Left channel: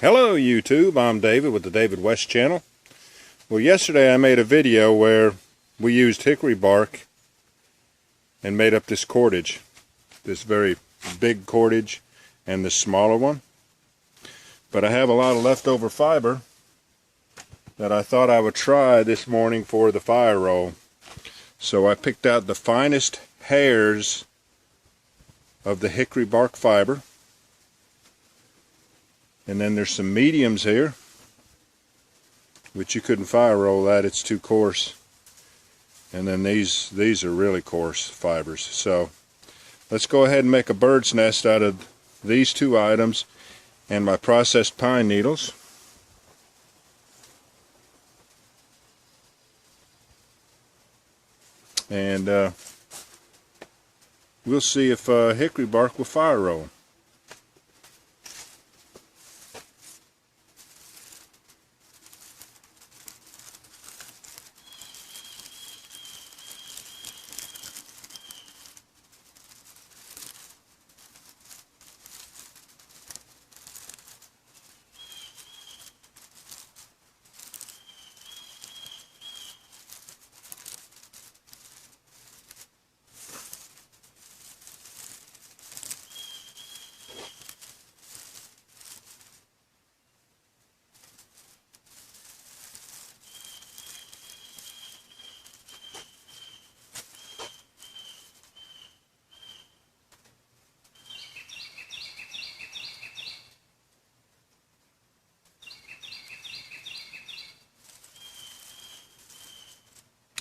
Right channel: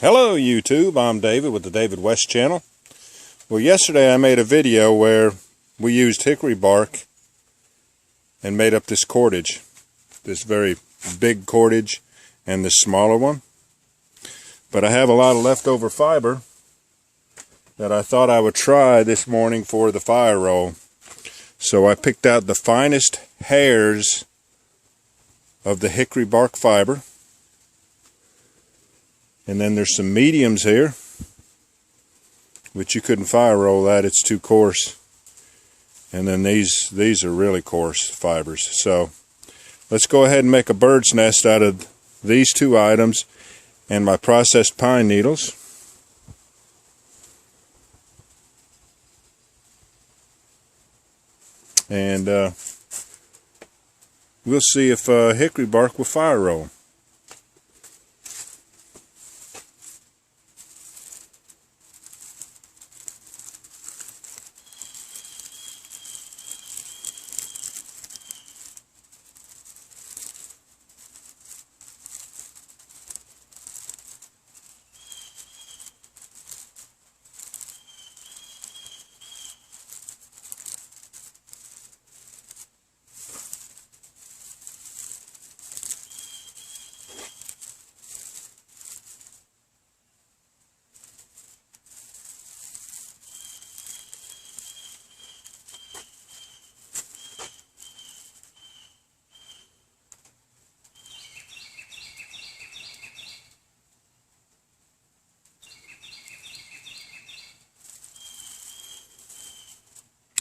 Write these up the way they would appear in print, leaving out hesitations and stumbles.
Hello YouTube, I'm David with the David West channel. Well, yesterday I made a video where we used hickory bark and made up this cordage. This very big cordage and this smaller one. But I have a lot of leftover fiber that I thought I would try this morning for the fire roll. So I picked out the finest hairs of the hickory bark fiber. And then there's some mediums here, which you couldn't fire roll that, it's too coarse. And then these are really coarse fibers. So let's go ahead and make a bird's nest out of these two items and my processed pine needles. And we'll see if hickory bark will fire roll.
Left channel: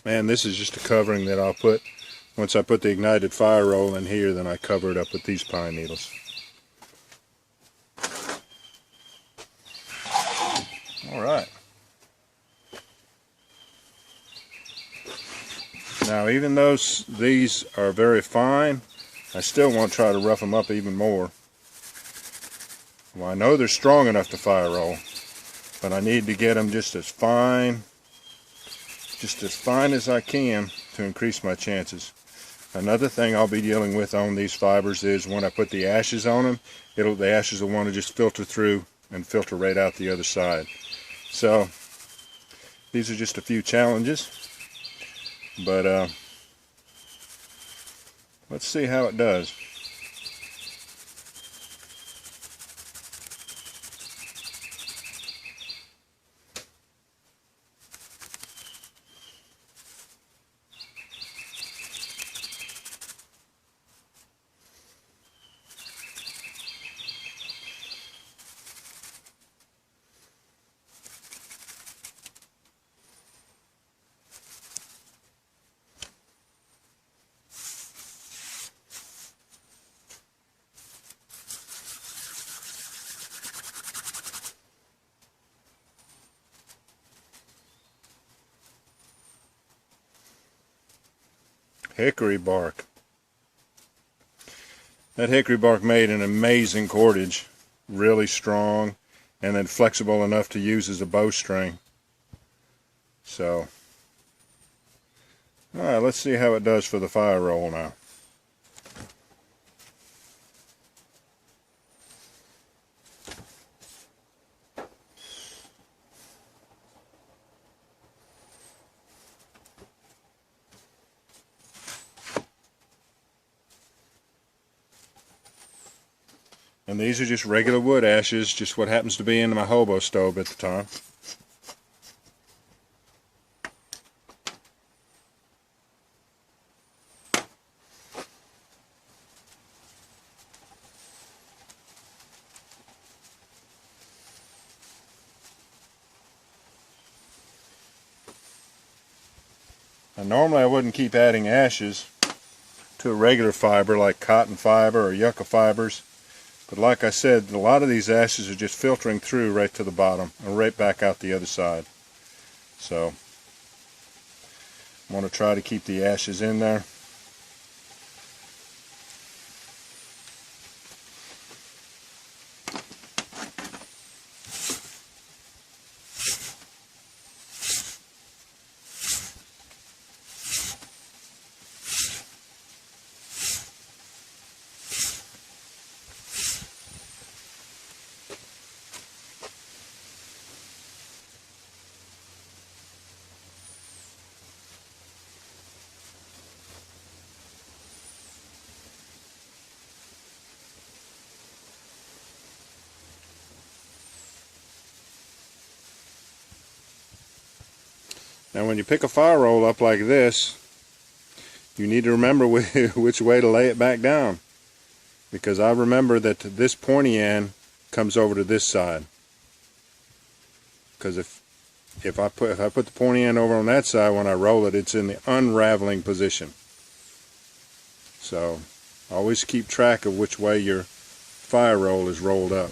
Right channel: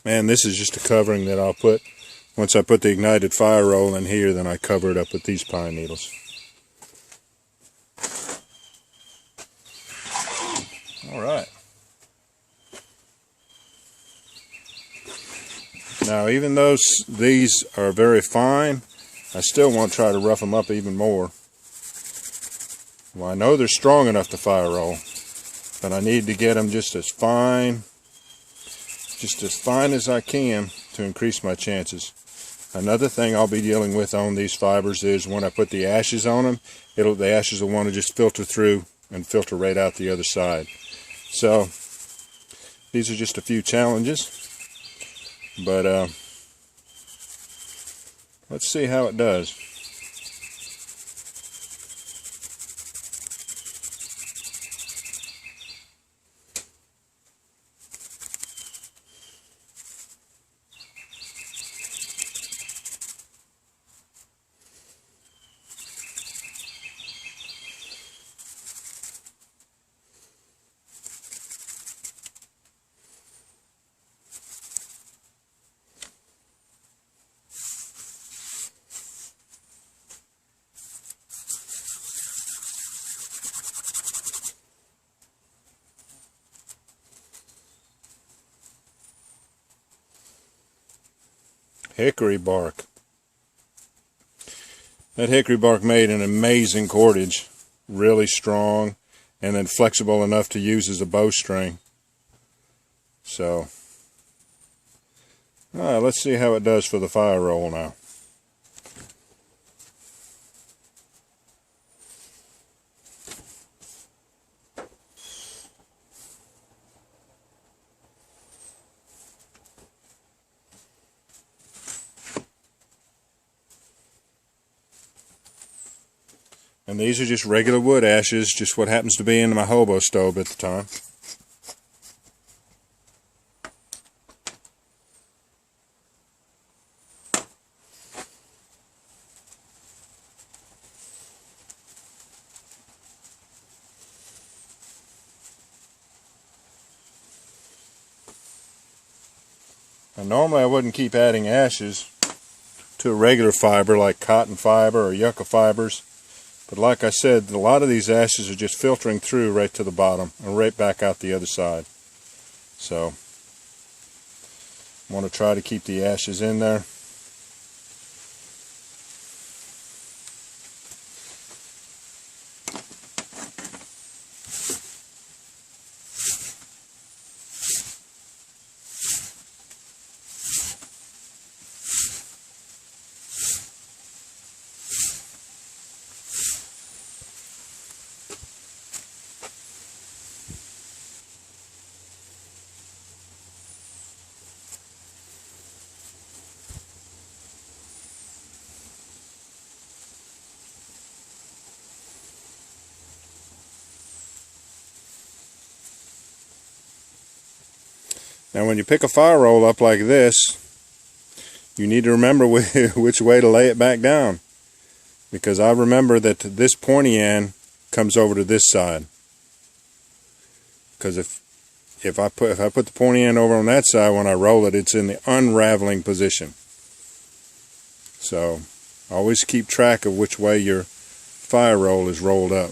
And this is just a covering that I'll put, once I put the ignited fire roll in here, then I cover it up with these pine needles. Alright. Now even though these are very fine, I still want to try to rough them up even more. Well, I know they're strong enough to fire roll, but I need to get them just as fine as I can to increase my chances. Another thing I'll be dealing with on these fibers is when I put the ashes on them, the ashes will want to just filter through and filter right out the other side. So these are just a few challenges, but let's see how it does. Hickory bark. That hickory bark made an amazing cordage, really strong and then flexible enough to use as a bowstring. So, alright, let's see how it does for the fire roll now. And these are just regular wood ashes, just what happens to be in my hobo stove at the time. And normally I wouldn't keep adding ashes to a regular fiber like cotton fiber or yucca fibers. But like I said, a lot of these ashes are just filtering through right to the bottom and right back out the other side. So I want to try to keep the ashes in there. Now when you pick a fire roll up like this, you need to remember which way to lay it back down, because I remember that this pointy end comes over to this side, because if I put the pointy end over on that side, when I roll it, it's in the unraveling position. So always keep track of which way your fire roll is rolled up.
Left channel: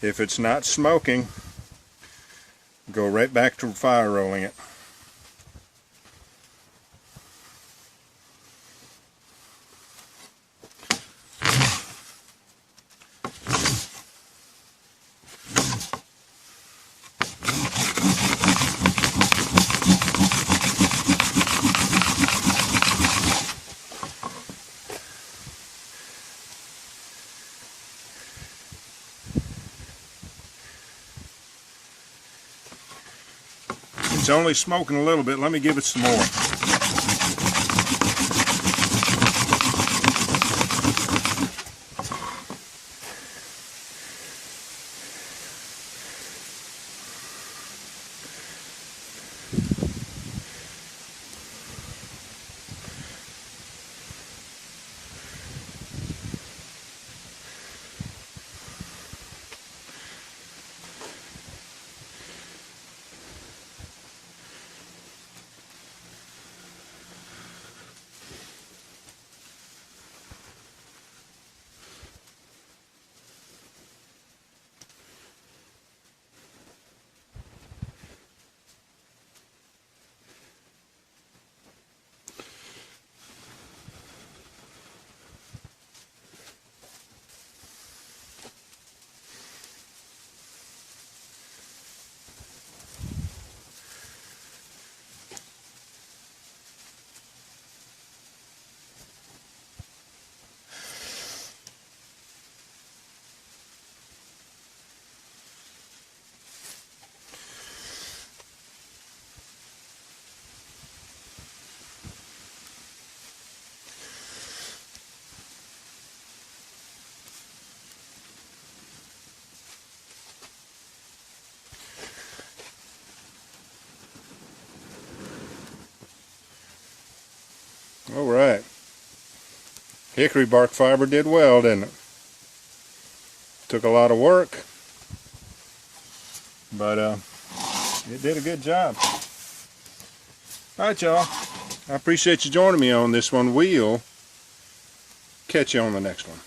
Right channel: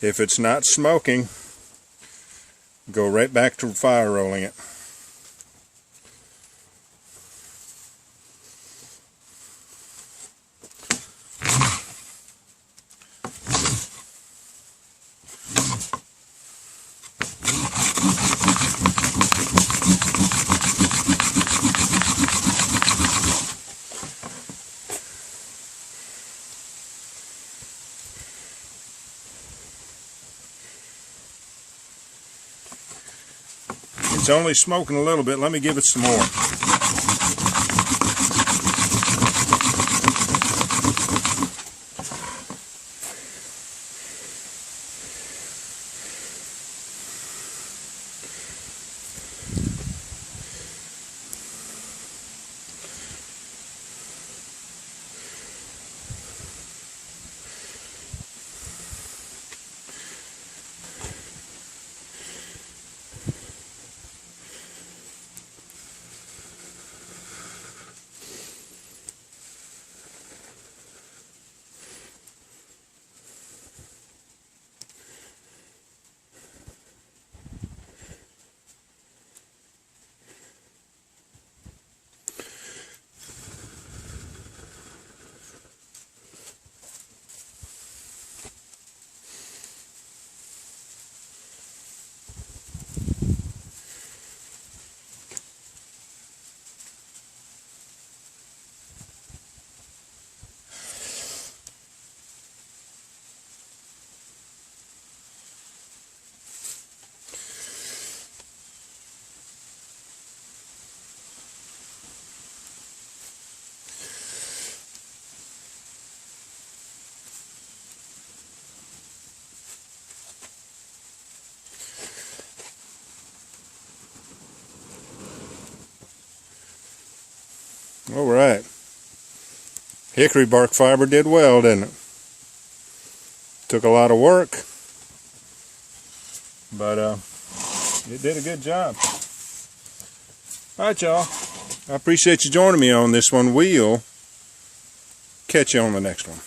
If it's not smoking, go right back to fire rolling it. It's only smoking a little bit. Let me give it some more. All right. Hickory bark fiber did well, didn't it? Took a lot of work, but it did a good job. All right, y'all. I appreciate you joining me on this one. We'll catch you on the next one.